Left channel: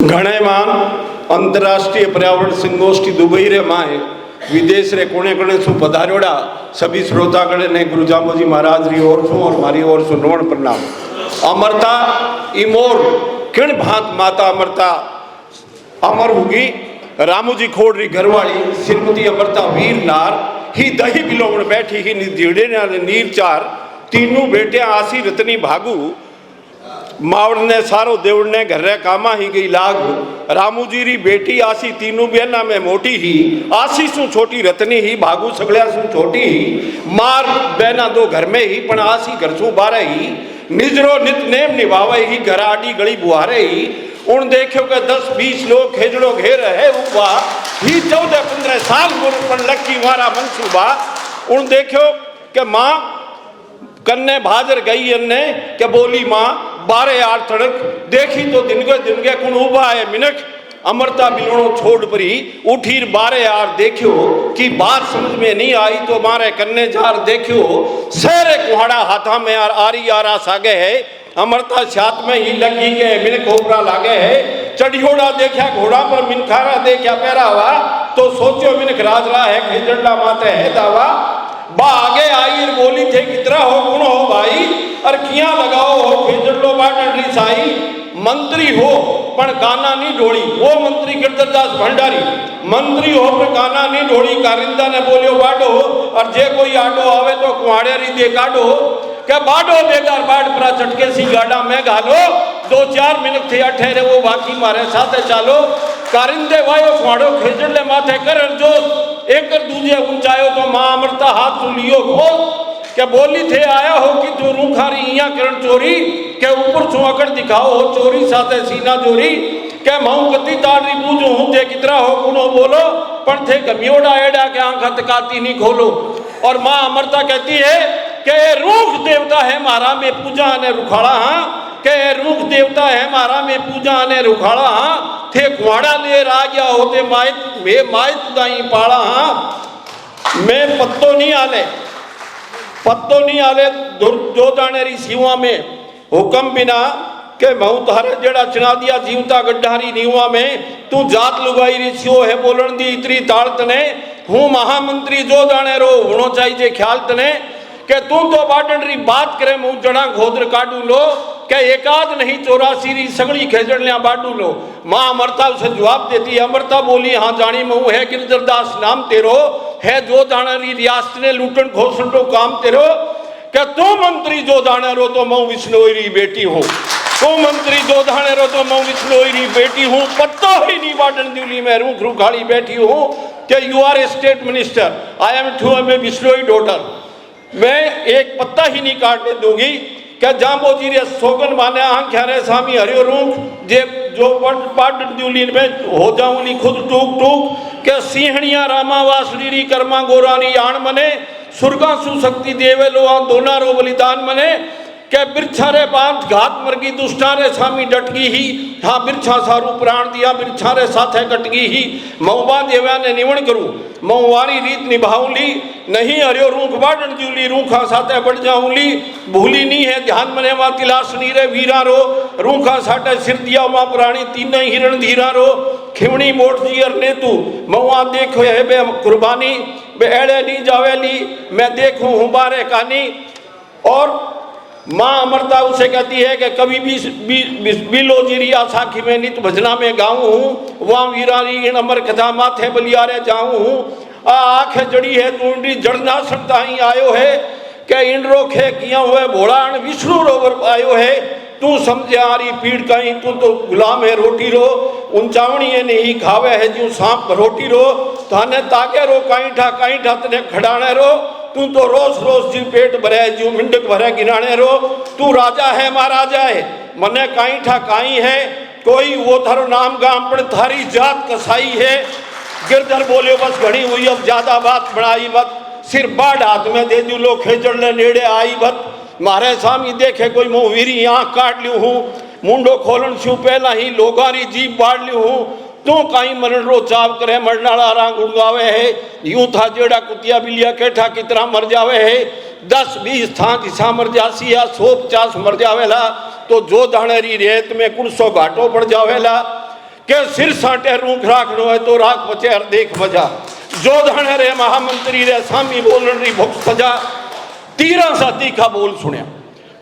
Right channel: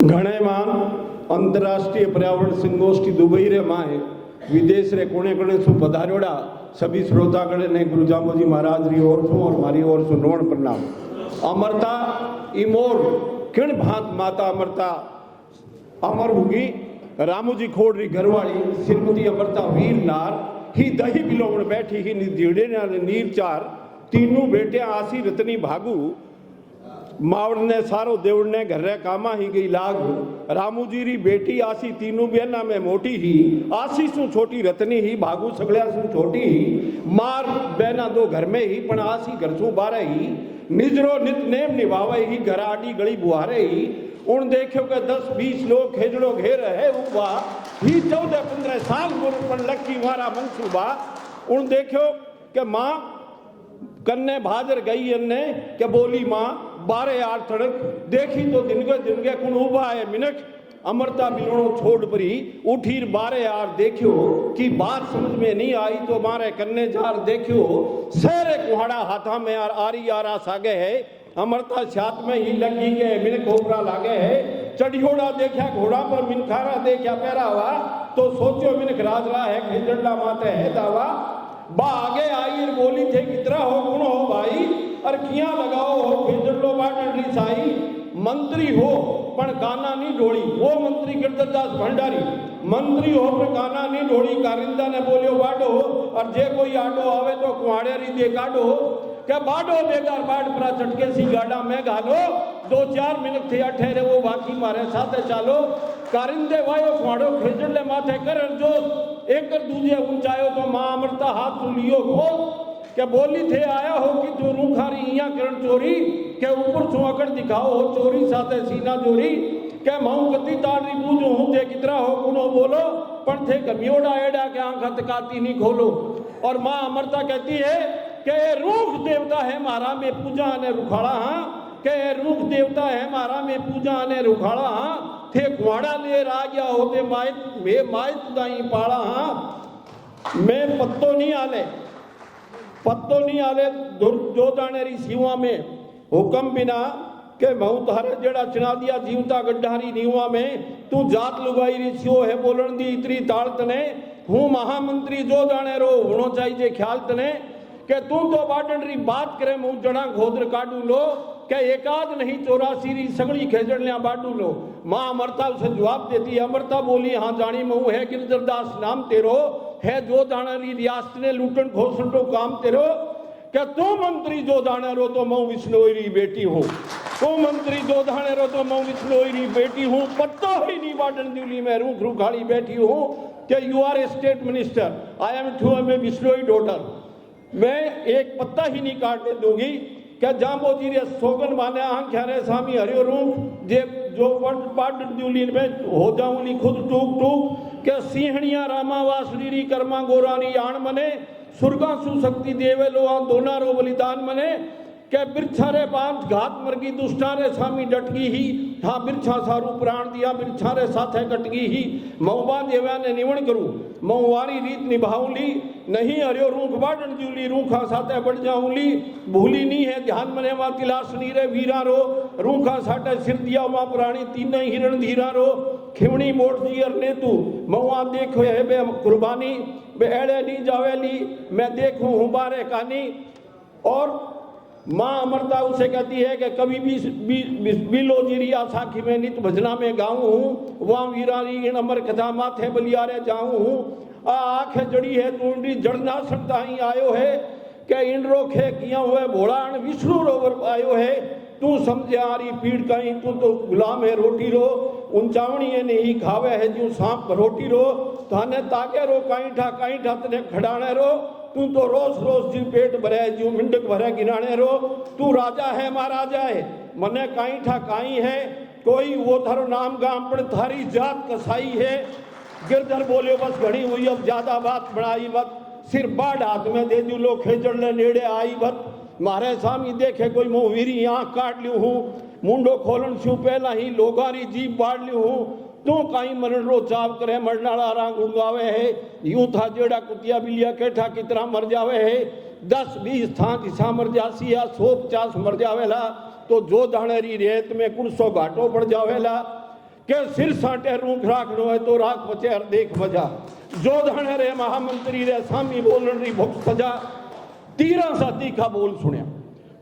घणे मान अंतर्राष्ट्रीय पर्यावरण संगोष्ठी दुबई रे माए विदेश रे कोने कोने सु पधारोड़ा सभी श्रोतागण ने गुरु जांबोजी महाराज री ओर सु और मारी ओर सु नमन प्रणाम। अमरता इमोर किण भांत माता अमरता अमर होगी रामूजी खोड़ री घरवाली श्रीमती अमरता वीर नार ही दही बिलोवण बैठी ही निधीड़े नीर चार तीनों बेटे आसी रतनी भागू मावड़ ने सारो देवड़ ने घर कामा ही गई लाग रामूजी री बेटी आसी तीनों बेना में मोटी ही आसी सु छोटी रतनी ही भागू सगलिया सु छोटी ही मार बेना दो घर में ही पण आसी घर सु बारे ही निजरो नित नेम निभावे ही घर आडी गली बुहारे ही उन देखो के 10-20 लोग खेजड़ो घेर है उबा ही 14-15 साल गुरु पण लक्की मारा मनसूबा उन देखो के माँ कन्ने भाजर गई अन्ने के बोली माँ 12 आर तड़क देखी तो दिन के कुण उबा है मिनक अमरता मिलनो छोड़ परी उठी 12 आर देखियो कि बात समझ में नहीं आई तो मारे कन्ने जार देखियो सेरे कुहाड़ा हाथा में यार आरी आरा सागे है अमरता छात में ही लगी के मिनक ओपरा लागे है चढ़ियोड़ा देखा घोड़ा पर मिनखारा देखा पैरा हुआ तो सोचो मिनक राजरा है खेजड़ा माते है दावा बा आगे आई बोली थे कितना हो गुण हो भाई और किया लगाओ हो खेजड़ो बाटन साई मंत्री हो पण गाना नहीं ढोड़ी वो मंत्री गिरधरदास भंडारी मंत्री हो पर गाना नहीं ढोड़ी कारिंदा ने बोलियो बाडो और जे कोई आडो आवे तो कुआड़े री दे काडो क्या बाडो बेकार बाट परा चटके सी गाड़ा में घालो 2-4 मिनट थे ठहरे वो बाकी मारे साथे चालो कारिंदे वायो कुआड़ो खेजड़ले माथे कर जो एक दूजे ऊंचायो तो मां अमरता हाथ सुलियो खोल क्या बोली थे आया हो कि जो रूखारी इया करण चोरी के ऊपर सु अकड़ दिखाओ हो चोरी साथे सीना जोरी के माऊ कती ताड़ी पूजो हूं थे कितरा हो कुनो बोलो पण थे गमियोड़ा एड़ा के आंख तकाती नहीं खोलो और मां अमरता कहती है के रूख देवता है मारा में पूजा ने रुखाड़ा हाँ के रूख देवता है मारा में पूजा ने रुखाड़ा हाँ थे कुआड़ा ले राजा होते माइत दाई पाड़ा हाँ मैं पत्तो नहीं आले जो जाने री सीवा में हुक्म बिना के महू तारे जेड़ा चना दिया जीवता गड्ढारी नीवा में तू जात लुगाई री सियो है बोलन दी इतरी ताड़ तने हूँ महामंत्री जो जाने रो होनो चाहिए ख्याल तने के तू तो बाटन री बात करे मुँह जड़ा घोदर काटू लो के एकाद नहीं 84 री सगड़ी खेजड़िया बाटू लो माँ अमरता उसे जवाब देती है अमरता बोली हाँ जानी महू है गिरधरदास नाम तेरो है जो जाना री रियासत ने लूटन घोषण तो काम तेरो क्या तू मंत्री जो जाने रो तो मैं विष्णोई री बेटी हूँ तो मंत्री जो जाने रो तो मैं विष्णोई री बेटी हूँ पत्ता ही नहीं बाटन दिल्ली में रूख रुखाड़ी बैठी हूँ कि you are a state minister I am too am a Bishnoi daughter मैं एक पत्ता ही नहीं काटने दूंगी क्या जांबोजी रे सोगन माने आंख्या रे स्वामी हरियो रूख जे जो बाटन दिल्ली में हो जाऊं नी खुद टूक टूक के सिंहणिया रामा वासड़ी री कर्मा गोरानी आण मने सुरगा सुशक्ति देवे लो दोना रो बलिदान मने के बिरछा रे बांध घात मरगी दुष्टा रे सामी डटगी ही हाँ बिरछा सारू प्राण दिया बिरछा रे साथे कटगी ही मऊबा देव्या ने निवण करूं मऊवारी रीत निभाऊंली नहीं हरियो रूख बाटन जूली रूखा साथे बढ़ जाऊंली भूली नहीं है ध्यान मने मा तिलासनी रे वीरा रो रूखा साथे सिर दिया मा प्राणी तीन हिरण धीरा रो खिवणी मोट जियर ने तू मऊआ देखो है बे कुर्बानी बे एड़े नहीं जावेली मैं देखूं हूँ बारे कहानी और माँ अमरता उसे कहती है कि कभी भी बिलो जीरी आसाखी में नित भजना में गाऊं हूँ वहाँ वीरारी इन अमर कथा माथे बलियारे जाऊं हूँ आँख जड़ी है तूंडी जड़ ना सकता ही आयो है के इन रोखे किया हुए भोड़ाण विष्णु रोवर आयो है तू समझे आ रही पीड़ कहीं तू तो गुलाम है रोटी रो ऊंचावणी नहीं खावे है जो सांप रोटी रो थाने ताके रो कहीं ठा तने खड़ाने रो तू तो रोज जी पेट भरे जो मिंडक भरे गिराने रो तू राजा है महाराजा है मने काई ठा काई है कोई वो थारो नाम गाम पर थारी जात कसाई है गिरधर बोले बस घड़ी हुई अब ज्यादा बात बढ़ाई मत सिर बाढ़ हाथ में दे दू लो खेजड़ ले नेड़े आई मत मारे स्वामी देखे कोई मुँह वीरी आँख काट लियो हूँ मुंडो खोलन छू पहला ही लोगारी जीप बाढ़ लियो हूँ तू कहीं मरण रो चाव करे मरनाड़ा रांग उड़गावे है यूं था जेड़ा कुतिया बिलिया केठा कितना मर जावे है 10-20 था किसा मर जासी या 150 मर जावेला तो जो दाणेरी रेत में 100 घाटो पड़ जावेला के सिर साटे रूख राखनो है तो राख बचे हर देख मजा जो धन रे महामंत्री रे सामी बोलन री भुख सजा। 13 सा तीखा बोल सुनिया,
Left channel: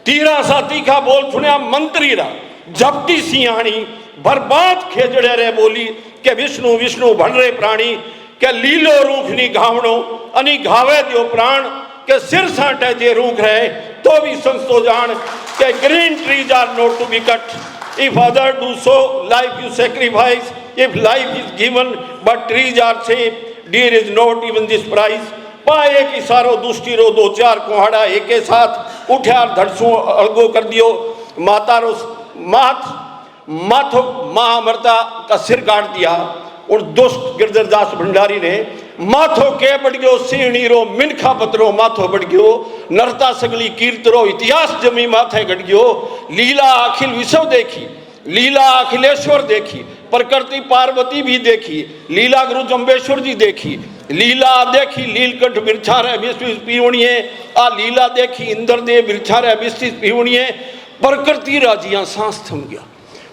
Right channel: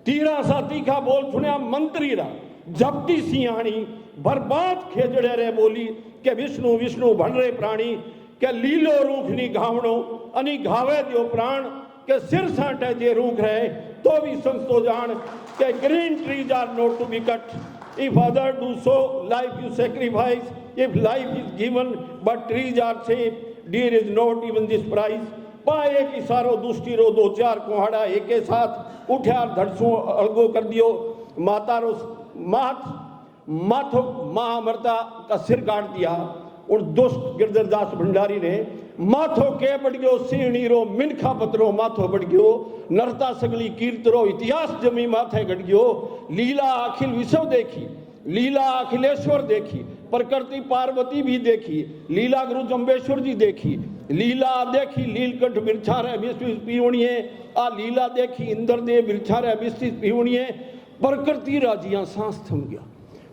13 सा तीखा बोल सुनिया मंत्री रा जपटी सियाणी बर्बाद खेजड़े रे बोली के विष्णु विष्णु भण रे प्राणी के लीलो रूख नी घावणो अनि घावे दियो प्राण के सिर साटे जे रूख रहे तो भी संस्तो जान के green trees are not to be cut if other do so life you sacrifice if life is given but trees are safe dear is not even this price. पाए की सारो दुष्टि रो 2-4 कुहाड़ा एक साथ उठा धड़सू अलगो कर दियो माता रो माथो माँ अमृता का सिर काट दिया और दुष्ट गिरधरदास भंडारी ने माथो के बढ़ गयो सीणी रो मिनखा पत्रो माथो बढ़ गयो नरता सगली कीर्तरो इतिहास जमी माथे गढ़ गयो। लीला अखिल विश्व देखी, लीला अखिलेश्वर देखी, प्रकृति पार्वती भी देखी, लीला गुरु जम्बेश्वर जी देखी, लीला देखी लीलकंठ बिरछा रे 20 पीवणिये आ लीला देखी इंद्रदेव बिरछा रे 20 पीवणिये। प्रकृति राजिया सांस थम गया,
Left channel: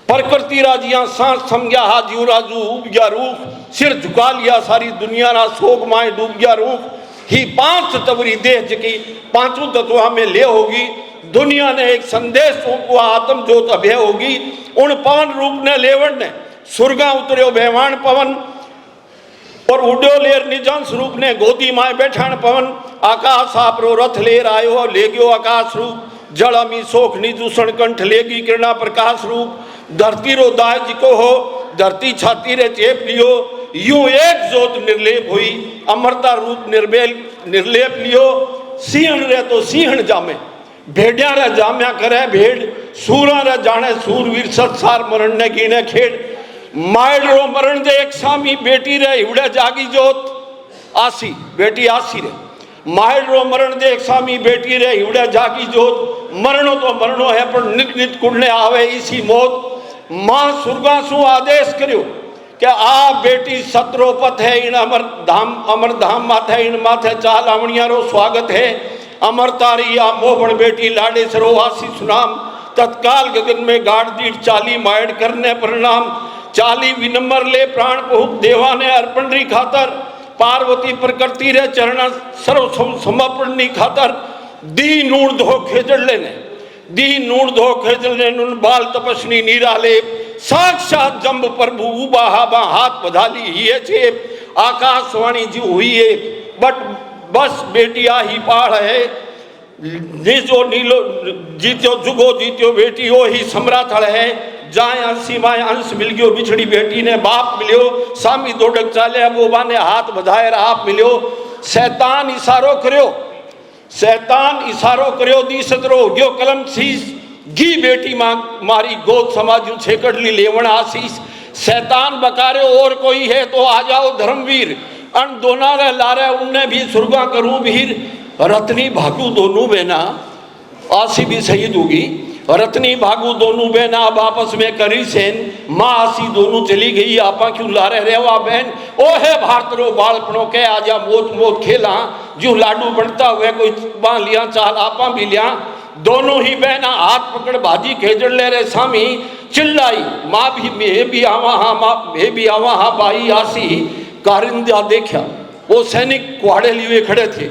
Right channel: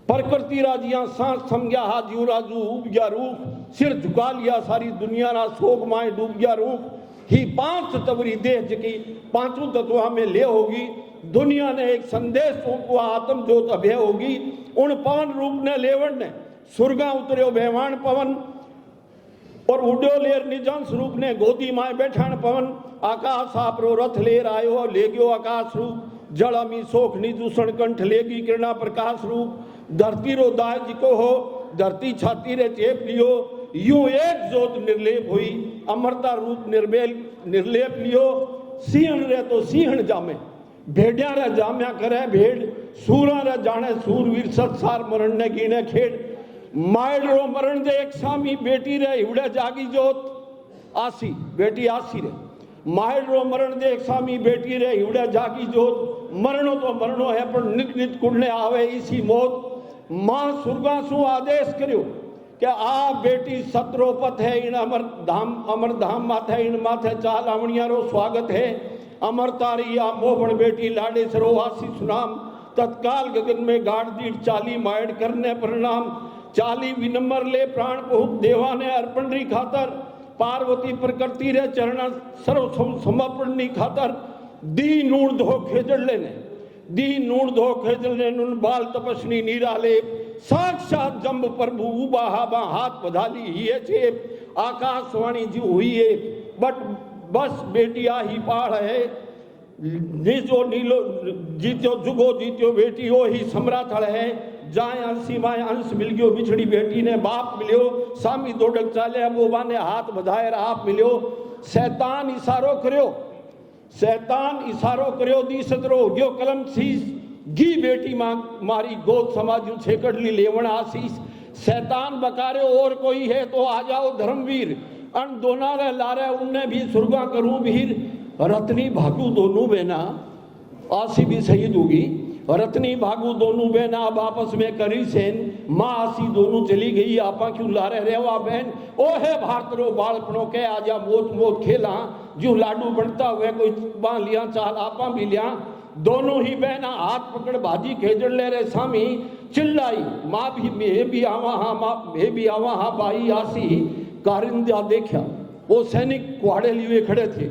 प्रकृति राजिया सांस थम गया। हाजियो राजू उब गया रूख सिर झुका लिया सारी दुनिया ना शोक माए डूब गया रूख। ही 5 तवरी देह जकी 5 तत्वा में ले होगी दुनिया ने एक संदेश को आत्म ज्योत अभय होगी। उन पवन रूप ने लेवण ने सुरगा उतरियो बेवान पवन और उड्यो लेर निजान स्वरूप ने गोदी माए बैठान पवन। आकाश आपरो रथ लेर आयो ले गयो आकाश रूप जल अमी सोख निदूषण कंठ लेगी किरणा प्रकाश रूप। धरती रो दाह जिको हो धरती छाती रे चेप लियो यूं एक जोत निर्लेप हुई अमरता रूप निर्बेल निर्लेप लियो। सिंहण रे तो सिंहण जामे भेड़िया रे जाम्या करे भेड़ सूरा रे जाने सूरवीर सत्सार मरण ने गिने खेड़। मायड़ रो मरण दे एक सामी बेटी रे हिवड़े जागी जोत आसी बेटी आसी रे मायड़ रो मरण दे एक सामी बेटी रे हिवड़े जागी जोत। मरणो तो मरणो है पर नित नित कुड़ने आवे इसी मौत। मां सुरगा सु आदेश करियो कि आ बेटी सत्रोपत है इन अमर धाम माथे इन माथे चाल आवणिया रो स्वागत है। अमर तारी आ मोहन बेटी लाडे सरो आसी सुनाम तत्काल गगन में गाड़ दीठ 40 मायड़ करने प्रणाम। 40 विनम्र ले प्राण बहुत देवा ने अर्पण री खातर पार्वती प्रकृति रे चरण सर्व समर्पण नी खातर। दी नूर धो खेजड़ लेने दी नूर धो खेजड़ लेने बाल तपस्नी नीरा ले साक्षात जम्ब प्रभु उबाहाबा हाथ बधाली ही चेप आकाशवाणी जी हुई है बट बस बेटी आही पाड़ है नीचो नीलो जीत्यो जुगो जीत्यो बेटी ओ ही सम्राथल है। जाए अंशी माए अंश मिल गयो बिछड़ी बेटी ने बाप मिलियो सामी दौड़क चाले बोबा ने हाथ बधाए आप मिलियो। शैतान इशारो करियो शैतान इशारो करियो दी सतरो गयो कलम शीश गी बेटी मारी गोद समाजू छेकड़ ली लेवण आशीष। शैतान बकारे और कोई है तो आ जाओ धर्मवीर अन दोना रे लारे उनने भी सुरगा करूं भीर। रत्नी भागू दोनों बहना आसी भी शहीद होगी रत्नी भागू दोनों बहना अब आपस में करी सेन माँ आसी दोनों चली गई आपा क्यों लारे रेवा बहन। ओ है भारत रो बालपनों के आजा मोत मोत खेला जो लाडू बनता हुए कोई बां लिया चाल आपा भी लिया। दोनों ही बहना हाथ पकड़ भाजी खेजड़ ले रहे सामी चिल्लाई माँ भी मैं भी आवा हाँ माँ मैं भी आवा हाँ भाई आसी। कारिंदा देखा वो सैनिक कुहाड़े लिए खड़े थे।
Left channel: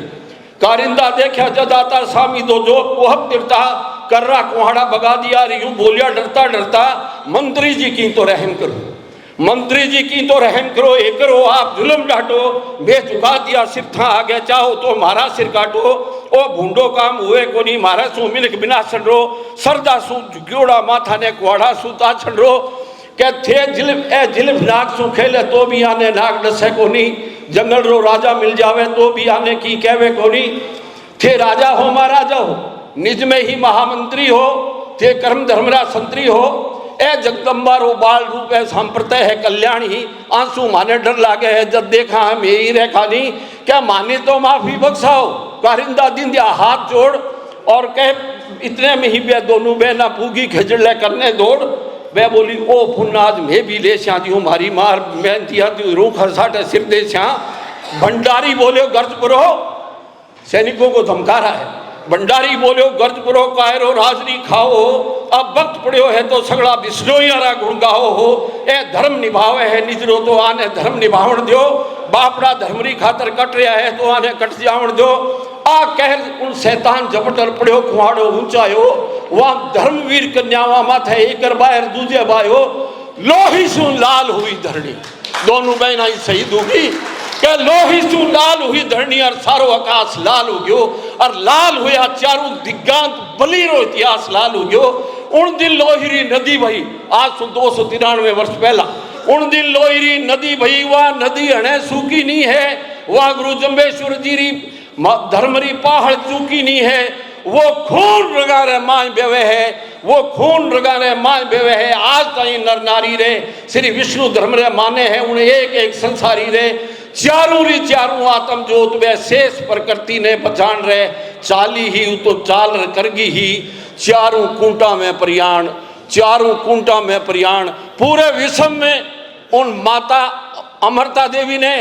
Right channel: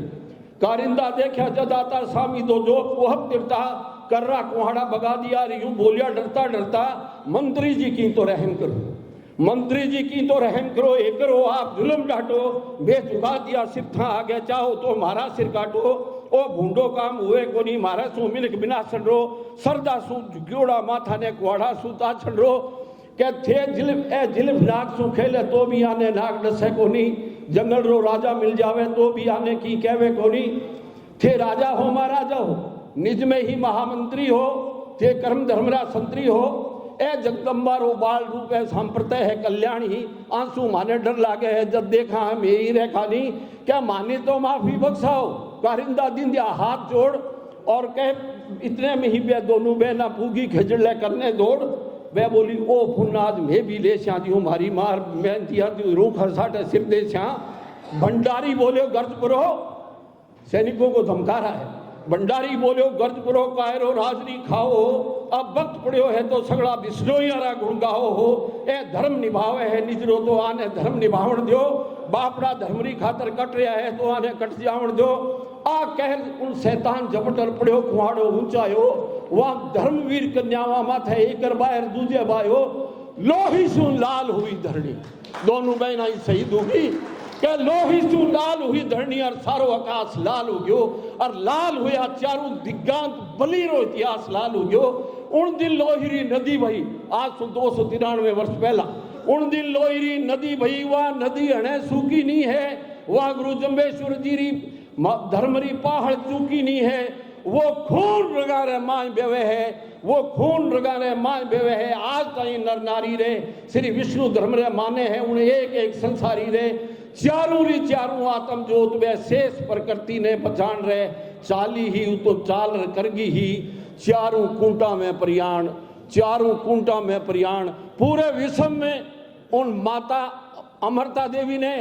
कारिंदा देखा जदाता सामी दो जो कोहब तिरता कर रहा कुहाड़ा भगा दिया यूं बोलिया डरता डरता मंत्री जी की तो रहम करो मंत्री जी की तो रहम करो एक करो आप जुल्म डांटो बे झुका दिया सिर था आगे चाहो तो मारा सिर काटो। ओ भूडो काम हुए को नहीं मारा सू मिनक बिना छड़ो सरदा सू झुक्योड़ा माथा ने कुहाड़ा सूता छड़ो के थे जिल्फ नाग सू खेले तो भी आने नाग डसे को नहीं। जंगल रो राजा मिल जावे तो भी आने की कहवे को नहीं। थे राजा हो महाराजा हो निज में ही महामंत्री हो थे कर्म धर्मरा संतरी हो ए जगदम्बा रो बाल रूप है सांप्रतय है कल्याणी। आंसू माने डर लागे है जब देखा हम यही रेखा नहीं क्या माने तो माफी बख्शाओ। कारिंदा दिन दिया हाथ जोड़ और कह इतने में ही वे दोनों बहना पूगी खजड़े करने दौड़। वे बोली ओ पुन्नाज मैं भी ले श्या दी हमारी मार मैं दिया रूख हसाटे सिर दे श्या। भंडारी बोले गर्ज पुरो सैनिकों को धमका रहा है भंडारी बोलो गर्ज करो कायरो राजरी खाओ, अब वक्त पड़ो है तो सगड़ा बिश्नोईयारा गुण गाओ हो। ए धर्म निभावे है निजरो तो आने धर्म निभावण दो, बापड़ा धर्मरी खातर कट रहा है तो आने कट जावण दो। आ कह उन शैतान जपटल पड़ो कुहाड़ो ऊंचायो, वहां धर्मवीर कन्यावा माथे एक बाहर दूजे बायो, लोही सु लाल हुई धरणी, दोनों बहना शहीद होगी के लोही सु लाल हुई धरणी और सारो आकाश लाल हो गयो, और लाल हुआ चारों दिग्गांत बलीरो इतिहास लाल हो गयो। उन दिन लोहिरी नदी भई, आज से 293 वर्ष पहला उन दिन लोहिरी नदी भई, वह नदी हणे सूखी नहीं है, वह गुरु जम्बेश्वर जी री धर्मरी पहाड़ चूकी नहीं है, वो खून रगा रे मां बेवे है, वो खून रगा रे मां बेवे है। आज ताई नर नारी रे श्री विष्णु धर्म रे माने हैं, उन्हें एक एक संसारी रे चारों री चारों आत्म जोत वे शेष प्रकृति ने पहचान रहे, चाली ही तो चाल करगी ही, चारों कुंटा में प्रयाण, चारों कुंटा में प्रयाण। पूरे विश्व में उन माता अमृता देवी ने,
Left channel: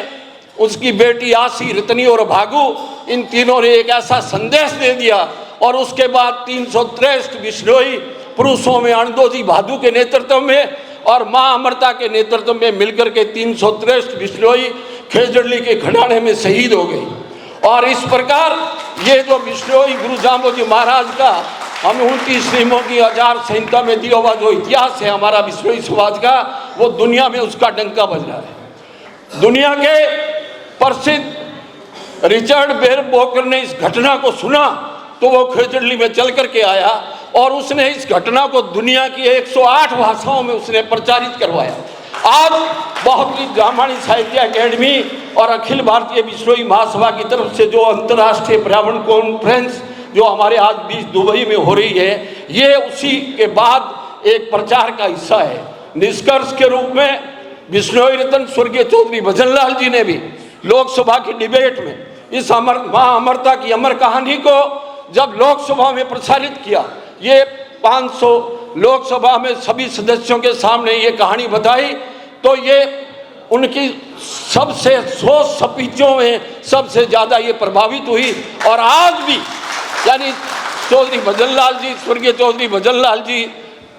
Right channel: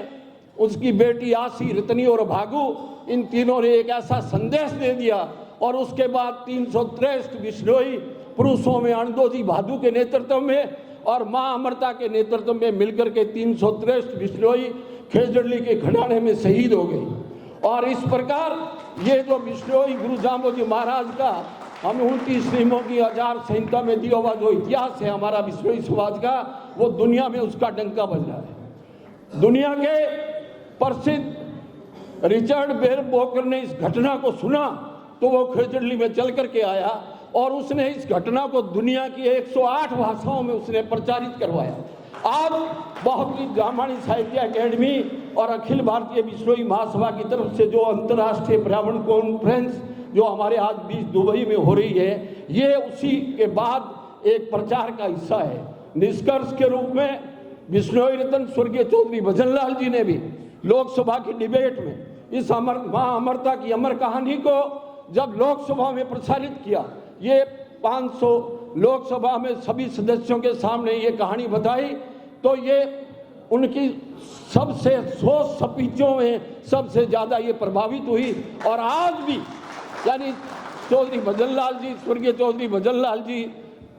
उसकी बेटी आशी, रतनी और भागु, इन तीनों ने एक ऐसा संदेश दे दिया। और उसके बाद 363 बिश्नोई पुरुषों में अणदोजी भादु के नेतृत्व में और माँ अमृता के नेतृत्व में मिलकर के 363 बिश्नोई खेजड़ली के खंडाने में शहीद हो गई। और इस प्रकार ये जो बिश्नोई गुरु जाम्बोजी महाराज का हम 29 नियमों की 1000 संहिता में दिया हुआ जो इतिहास है हमारा बिश्नोई समाज का, वो दुनिया में उसका डंका बज रहा है। दुनिया के प्रसिद्ध रिचर्ड बेर बोकर ने इस घटना को सुना तो वो खेजड़ली में चल करके आया और उसने इस घटना को दुनिया की 108 भाषाओं में उसने प्रचारित करवाया। आज बहुत ही जामानी साहित्य अकेडमी और अखिल भारतीय बिश्नोई महासभा की तरफ से जो अंतर्राष्ट्रीय पर्यावरण कॉन्फ्रेंस जो हमारे आज बीच दुबई में हो रही है, ये उसी के बाद एक प्रचार का हिस्सा है। निष्कर्ष के रूप में बिश्नोई रत्न स्वर्गीय चौधरी भजनलाल जी ने भी लोकसभा की डिबेट में इस मां अमृता की अमर कहानी को जब लोकसभा में प्रसारित किया, ये 500 लोकसभा में सभी सदस्यों के सामने ये कहानी बताई, तो ये उनकी सबसे 100 स्पीचों में सबसे ज़्यादा ये प्रभावित हुई। और आज भी यानी चौधरी भजनलाल जी, स्वर्गीय चौधरी भजनलाल जी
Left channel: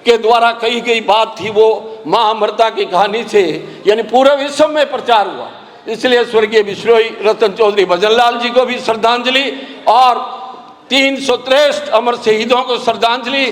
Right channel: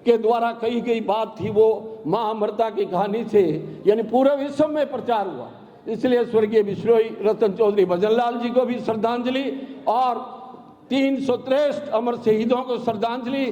के द्वारा कही गई बात थी, वो माँ अमृता की कहानी से यानी पूरे विश्व में प्रचार हुआ। इसलिए स्वर्गीय बिश्नोई रतन चौधरी भजनलाल जी को भी श्रद्धांजलि और 363 अमर शहीदों को श्रद्धांजलि।